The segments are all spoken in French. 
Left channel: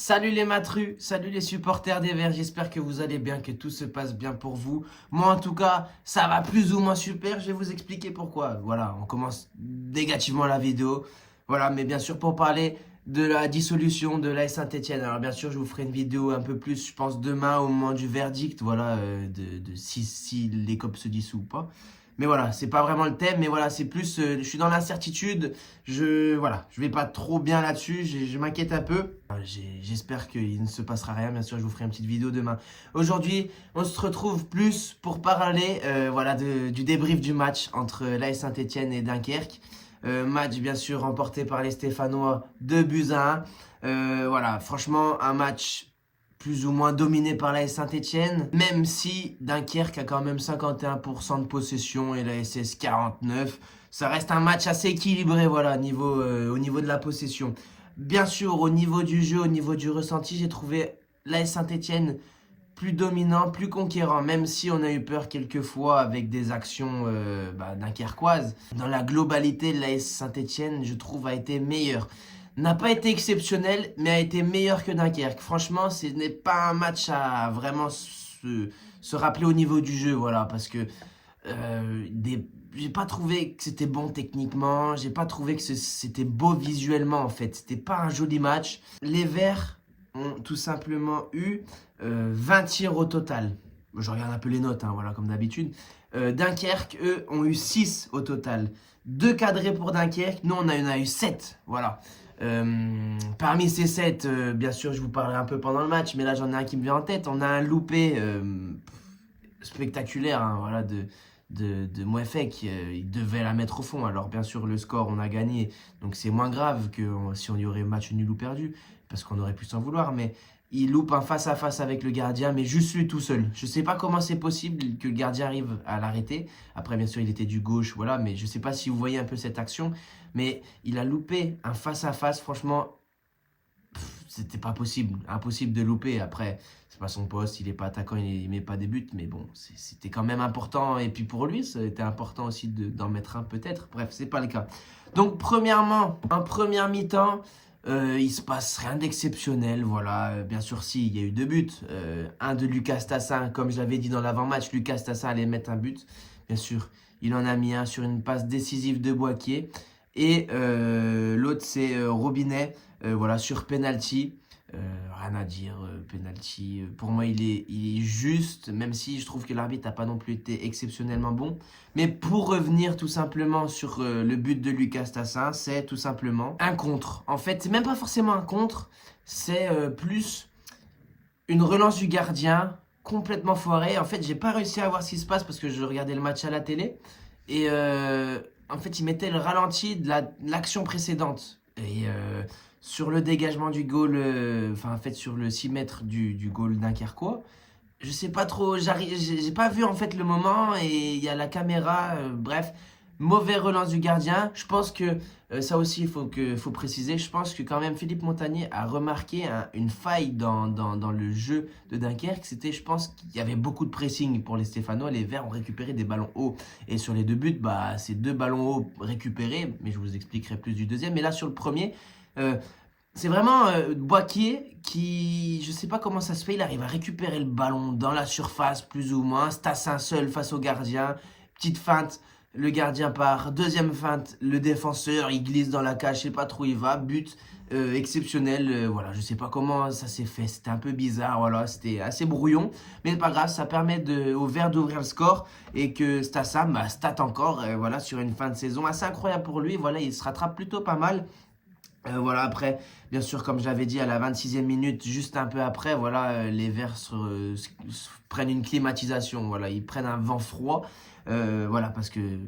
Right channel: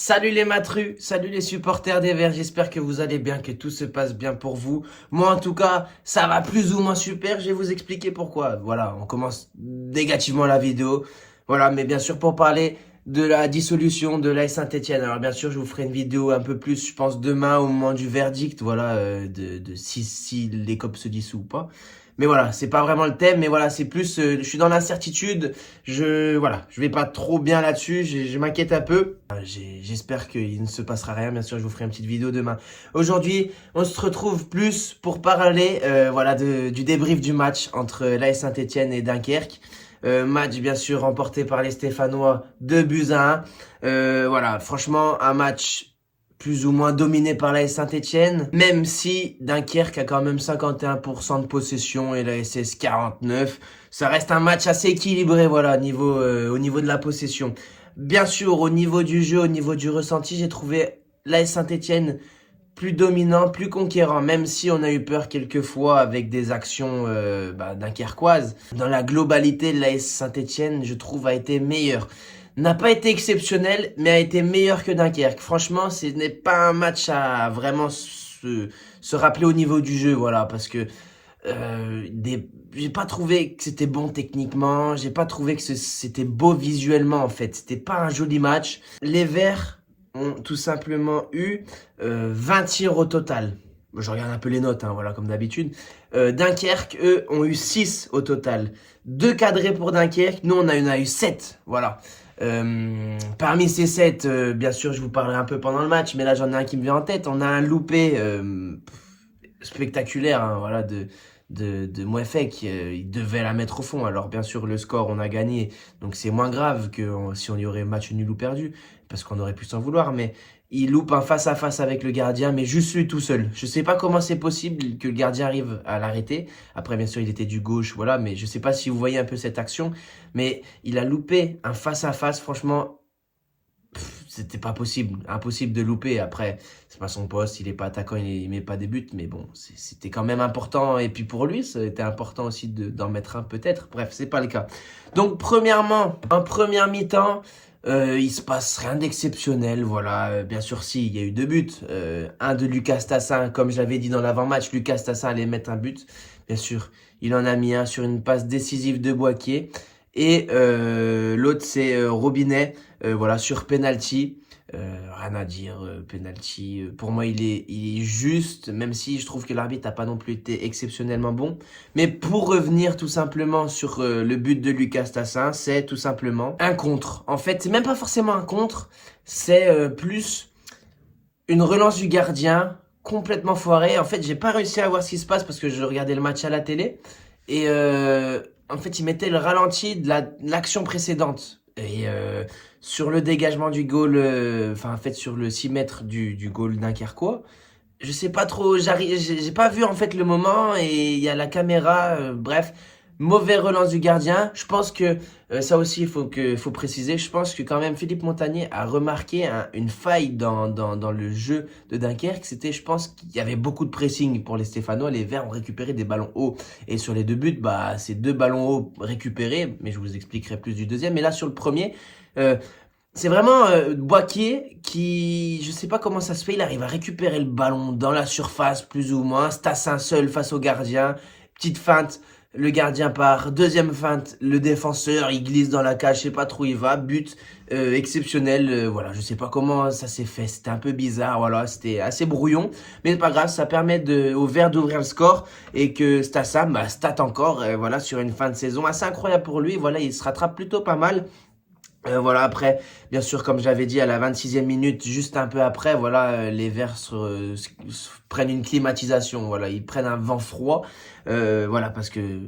Salut les matrus, salut les supporters des Verts, j'espère que vous allez bien, que tout se passe bien pour vous. Moi en tout cas, ça va plus ou moins super, je vais vous expliquer pourquoi. Voilà, on commence négativement la vidéo. Voilà, mais bien sûr pour parler de la dissolution de l'AS Saint-Etienne. Alors bien sûr, je vous ferai une vidéo un peu plus, je pense demain au moment du verdict, voilà, de si les COP se dissout ou pas. Mais voilà, c'est pas vraiment le thème, mais voilà, c'est plus, je suis dans l'incertitude, voilà, je vais pas trop bien là-dessus, je m'inquiète un peu. J'espère qu'il ne se passera rien, bien sûr, je vous ferai une petite vidéo demain. Aujourd'hui, on se retrouve plus pour parler, voilà, du débrief du match entre l'AS Saint-Etienne et Dunkerque. Match, bien sûr, remporté par les Stéphanois, 2 buts à 1. Voilà, franchement, un match plus ou moins dominé par la Saint-Etienne, même si Dunkerque a quand même 51% de possession et la SS 49. Ça reste un match assez équilibré, voilà, au niveau de la possession. Bien sûr, au niveau du jeu, au niveau du ressenti, j'ai trouvé l'AS Saint-Etienne plus dominant, plus conquérant, même si on a eu peur quelquefois avec des actions dunkerquoises. Dans la globalité, l'AS Saint-Etienne, je trouve, a été meilleur. N'a pas été exceptionnel, mais a été meilleur que Dunkerque. Franchement, ce n'est pas un match à vraiment se rappeler au niveau du jeu, voilà, parce que j'ai pas trouvé que c'était bon techniquement, j'ai pas trouvé que c'était beau visuellement en fait. C'était pas un joli match. Les Verts ont tout simplement eu 20 tirs au total. Je regarde un peu les notes, hein, voilà, comme d'habitude. Dunkerque, eux, ont eu 6 au total. 2 cadrés pour Dunkerque, nous on a eu 7, voilà. Parmi ces 7, bien sûr, je vous parlerai un peu pendant le match, mais là j'en ai un qui me vient en tête. On a un loupé spectaculaire, hein, voilà, de Mouefek. Il devait la mettre au fond. Alors bien sûr, le score, on a gagné, donc c'est moins grave que si on y aurait match nul ou perdu, parce qu'on aurait pu s'en vouloir, mais il loupe un face-à-face avec le gardien, mais juste lui tout seul. Je sais pas comment c'est possible que le gardien arrive à l'arrêter. Après, bien sûr, il était du gauche, voilà, mais je sais pas si vous voyez un peu cette action, mais il a loupé un face-à-face, franchement, c'était pas possible, impossible de louper. Après, c'est pas son poste, il est pas attaquant, il met pas des buts, mais bon, c'était quand même important. Et puis pour lui, c'était important aussi d'en mettre un peut-être. Bref, c'est pas le cas. Donc premièrement, en première mi-temps, il se passe rien d'exceptionnel. Voilà, bien sûr, si, il y a eu 2 buts. Un de Lucas Tassin, comme je l'avais dit dans l'avant-match, Lucas Tassin allait mettre un but. Bien sûr, il en a mis un sur une passe décisive de Boaquier. Et l'autre, c'est Robinet, voilà, sur penalty. Rien à dire, penalty. Pour moi, il est juste, même si je trouve que l'arbitre n'a pas non plus été exceptionnellement bon. Mais pour revenir tout simplement sur le but de Lucas Tassin, c'est tout simplement un contre. En fait, c'est même pas forcément un contre, c'est plus une relance du gardien complètement foirée. En fait, j'ai pas réussi à voir ce qui se passe parce que je regardais le match à la télé. Et en fait, il mettait le ralenti de l'action précédente. Et sur le dégagement du goal, enfin, en fait, sur le 6 mètres du goal dunkerquois, je sais pas trop, j'ai pas vu en fait le moment et il y a la caméra, bref, mauvais relance du gardien. Je pense que ça aussi faut préciser. Je pense que quand même Philippe Montagnier a remarqué une faille dans le jeu de Dunkerque. C'était, je pense qu'il y avait beaucoup de pressing pour les Stéphanois. Les Verts ont récupéré des ballons hauts et sur les 2 buts, bah c'est 2 ballons hauts récupérés. Mais je vous expliquerai plus du deuxième. Mais là sur le premier. euh, c'est vraiment Boaquier qui, je sais pas comment ça se fait, il arrive à récupérer le ballon dans la surface plus ou moins, Stassin seul face au gardien, petite feinte, le gardien part, deuxième feinte, le défenseur il glisse dans la cage, je sais pas trop où il va, but exceptionnel, voilà, je sais pas comment ça s'est fait, c'était un peu bizarre, voilà, c'était assez brouillon, mais c'est pas grave, ça permet au Vert d'ouvrir le score et que Stassin bah, stat encore, voilà, sur une fin de saison assez incroyable pour lui, voilà, il se rattrape plutôt pas mal. Voilà, après, bien sûr, comme j'avais dit, à la 26e minute, juste un peu après, voilà, les Verts prennent une climatisation, voilà, ils prennent un vent froid, voilà, parce que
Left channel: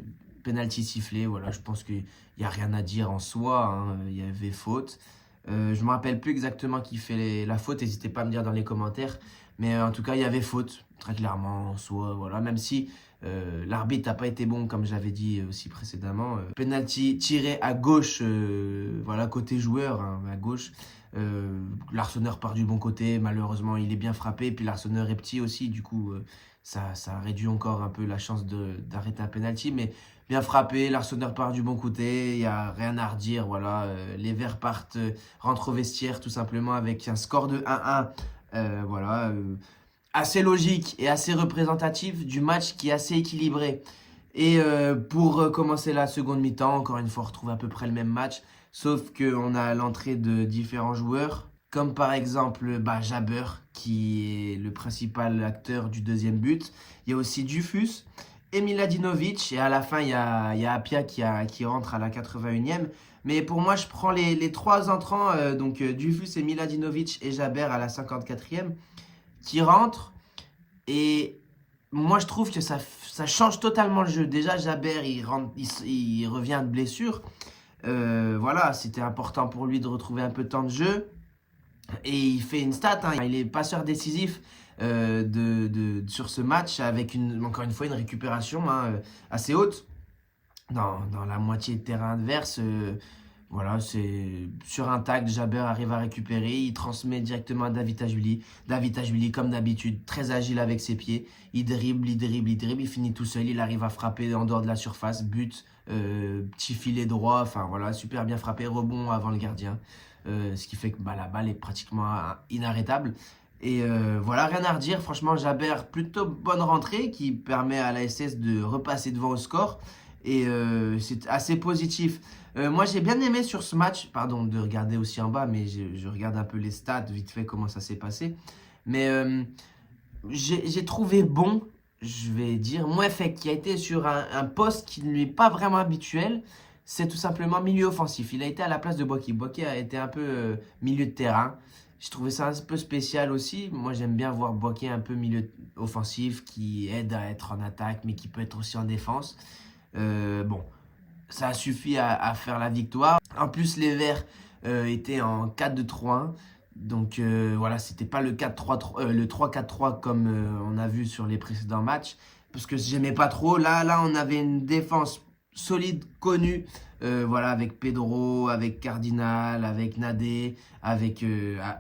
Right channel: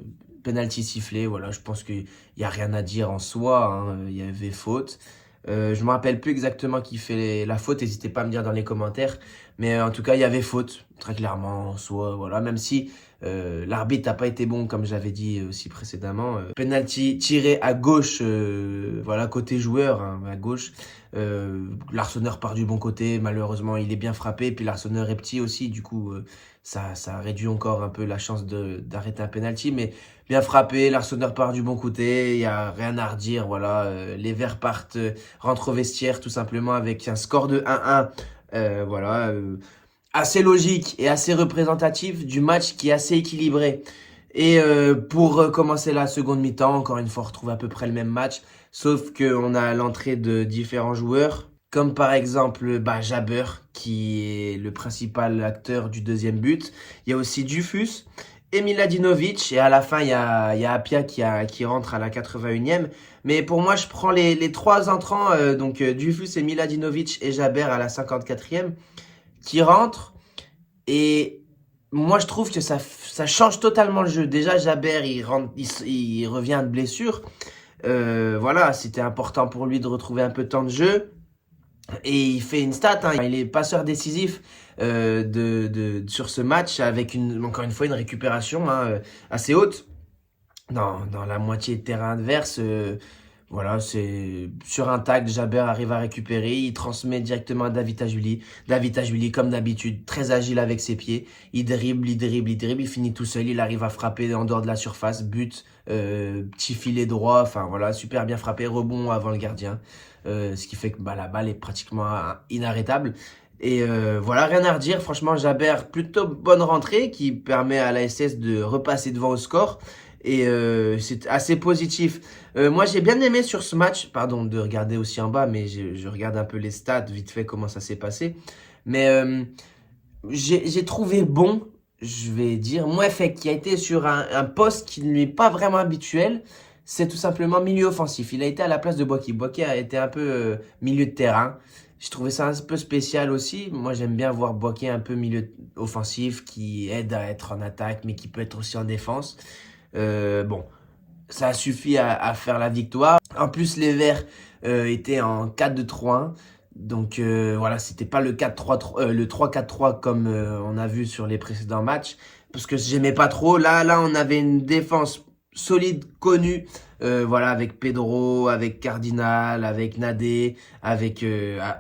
penalty sifflé, voilà, je pense qu'il n'y a rien à dire en soi, hein, il y avait faute. Je me rappelle plus exactement qui fait la faute, n'hésitez pas à me dire dans les commentaires, mais en tout cas, il y avait faute, très clairement, en soi, voilà, même si l'arbitre n'a pas été bon, comme j'avais dit aussi précédemment. Penalty tiré à gauche, voilà, côté joueur, hein, à gauche. L'Arseneur part du bon côté, malheureusement, il est bien frappé. Puis l'Arseneur est petit aussi, du coup, ça réduit encore un peu la chance d'arrêter un penalty. Mais bien frappé. Larsonneur part du bon côté. Il n'y a rien à redire. Voilà, les Verts rentrent au vestiaire tout simplement avec un score de 1-1. Voilà, assez logique et assez représentatif du match qui est assez équilibré. Et pour commencer la seconde mi-temps, encore une fois, on retrouve à peu près le même match, sauf qu'on a l'entrée de différents joueurs, comme par exemple Jabber, qui est le principal acteur du deuxième but. Il y a aussi Dufus et Miladinovic, et à la fin, il y a Apia qui rentre à la 81e. Mais pour moi, je prends les trois entrants, donc Dufus et Miladinovic et Jabber à la 54e, qui rentrent. Et moi, je trouve que ça change totalement le jeu. Déjà, Jabber, il revient de blessure. Voilà, c'était important pour lui de retrouver un peu de temps de jeu. Et il fait une stat, hein. Il est passeur décisif sur ce match avec encore une fois une récupération assez haute dans la moitié de terrain adverse. Voilà, c'est sur un tag, Jabber arrive à récupérer, il transmet directement à David Tajuli. David Tajuli, comme d'habitude, très agile avec ses pieds. Il dribble, il finit tout seul, il arrive à frapper en dehors de la surface, but, petit filet droit, enfin voilà, super bien frappé, rebond avant le gardien. Ce qui fait que la balle est pratiquement inarrêtable. Et voilà, rien à redire. Franchement, Jabber, plutôt bonne rentrée qui permet à la SS de repasser devant au score. Et c'est assez positif. Moi, j'ai bien aimé sur ce match, pardon de regarder aussi en bas, mais je regarde un peu les stats, vite fait, comment ça s'est passé. Mais j'ai trouvé bon, je vais dire, Mouefek, qui a été sur un poste qui ne lui est pas vraiment habituel. C'est tout simplement milieu offensif. Il a été à la place de Boaki. Boaki a été un peu milieu de terrain. Je trouvais ça un peu spécial aussi. Moi, j'aime bien voir Boaki un peu milieu offensif, qui aide à être en attaque, mais qui peut être aussi en défense. Bon, ça a suffi à faire la victoire. En plus, les Verts étaient en 4-2-3-1. Donc voilà, c'était pas le 4-3-3, le 3-4-3 comme on a vu sur les précédents matchs. Parce que j'aimais pas trop. Là, on avait une défense solide, connue. Voilà, avec Pedro, avec Cardinal, avec Nadé, avec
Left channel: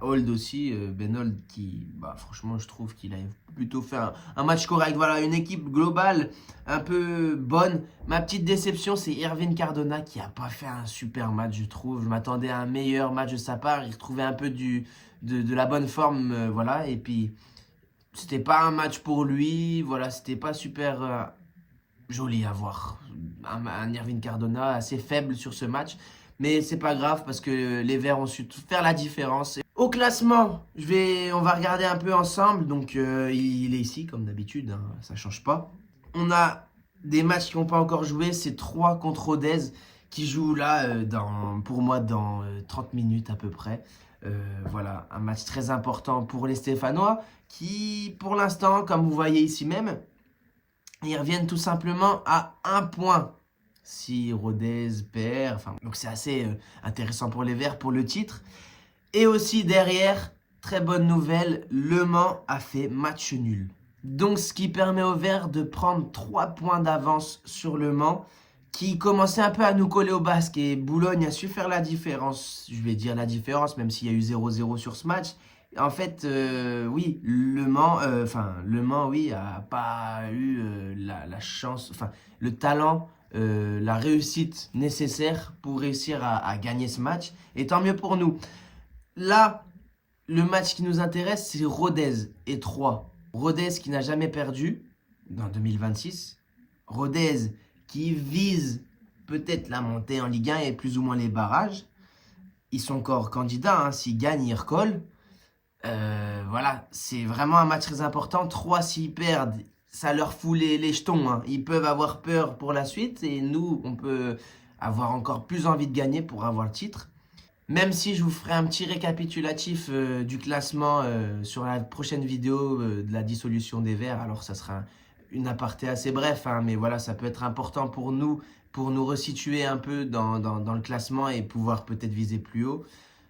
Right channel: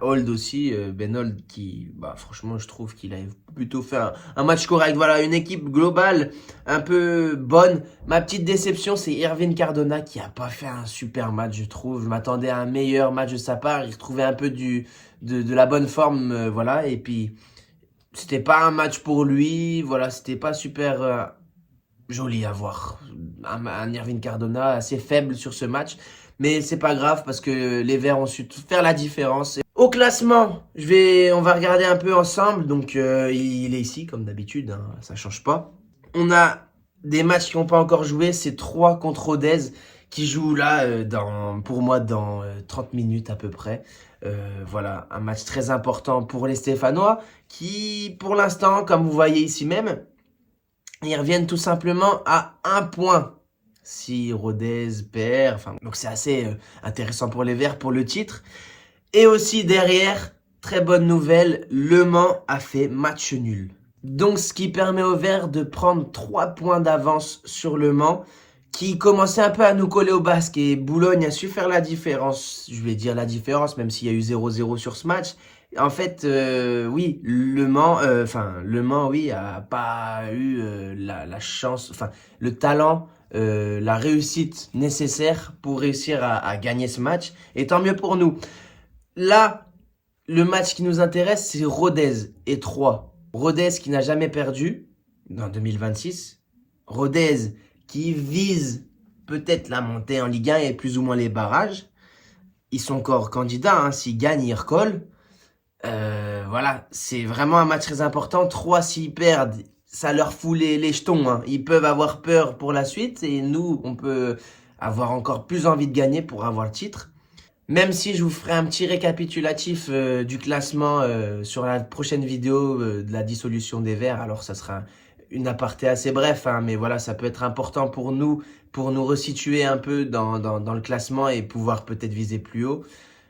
Hold aussi. Ben Hold qui, franchement, je trouve qu'il a plutôt fait un match correct. Voilà, une équipe globale un peu bonne. Ma petite déception, c'est Irvine Cardona qui a pas fait un super match, je trouve. Je m'attendais à un meilleur match de sa part. Il retrouvait un peu de la bonne forme, voilà. Et puis, c'était pas un match pour lui. Voilà, c'était pas super joli à voir. Un Irvine Cardona assez faible sur ce match. Mais c'est pas grave parce que les Verts ont su faire la différence. Au classement, on va regarder un peu ensemble. Donc il est ici comme d'habitude, hein, ça change pas. On a des matchs qui n'ont pas encore joué. C'est 3 contre Rodez qui jouent là pour moi dans 30 minutes à peu près. Voilà, un match très important pour les Stéphanois qui pour l'instant, comme vous voyez ici même, ils reviennent tout simplement à 1 point. Si Rodez perd, donc c'est assez intéressant pour les Verts pour le titre. Et aussi derrière, très bonne nouvelle, Le Mans a fait match nul. Donc ce qui permet aux Verts de prendre 3 points d'avance sur Le Mans, qui commençait un peu à nous coller au basque. Et Boulogne a su faire la différence. Je vais dire la différence, même s'il y a eu 0-0 sur ce match. En fait, oui, Le Mans, oui, a pas eu la chance, le talent, la réussite nécessaire pour réussir à gagner ce match. Et tant mieux pour nous. Là, le match qui nous intéresse, c'est Rodez et Troyes. Rodez qui n'a jamais perdu en 2026. Rodez qui vise peut-être la montée en Ligue 1 et plus ou moins les barrages. Ils sont encore candidats, hein, s'ils gagnent, ils recollent. Voilà, c'est vraiment un match très important. 3, s'ils perdent, ça leur fout les jetons, hein. Ils peuvent avoir peur pour la suite et nous, on peut avoir encore plus envie de gagner pour avoir le titre. Même si je vous ferai un petit récapitulatif du classement sur la prochaine vidéo de la dissolution des Verts. Alors, ça sera une aparté assez bref, hein, mais voilà, ça peut être important pour nous resituer un peu dans le classement et pouvoir peut-être viser plus haut.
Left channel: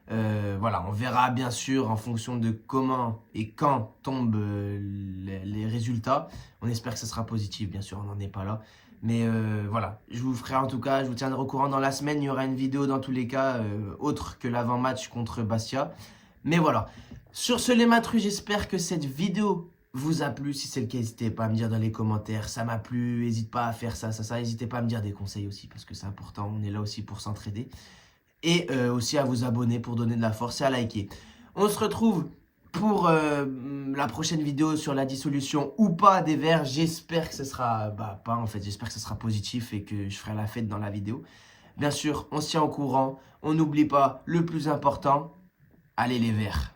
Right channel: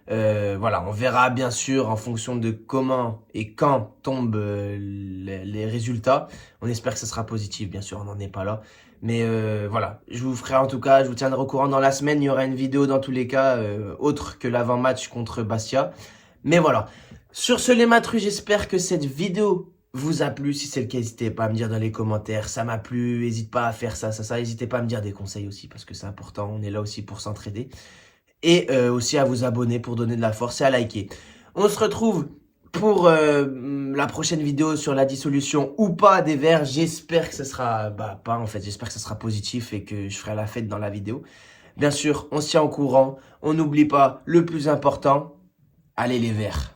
Voilà, on verra bien sûr en fonction de comment et quand tombent les résultats. On espère que ça sera positif, bien sûr, on n'en est pas là. Mais voilà, je vous tiendrai au courant dans la semaine. Il y aura une vidéo dans tous les cas, autre que l'avant-match contre Bastia. Mais voilà, sur ce les matrus, j'espère que cette vidéo vous a plu. Si c'est le cas, n'hésitez pas à me dire dans les commentaires. Ça m'a plu, n'hésite pas à faire ça. N'hésitez pas à me dire des conseils aussi parce que c'est important. On est là aussi pour s'entraider. Et aussi à vous abonner pour donner de la force et à liker. On se retrouve pour la prochaine vidéo sur la dissolution ou pas des verres. J'espère que ce sera, pas en fait, j'espère que ce sera positif et que je ferai la fête dans la vidéo. Bien sûr, on se tient au courant. On n'oublie pas le plus important. Allez les verts.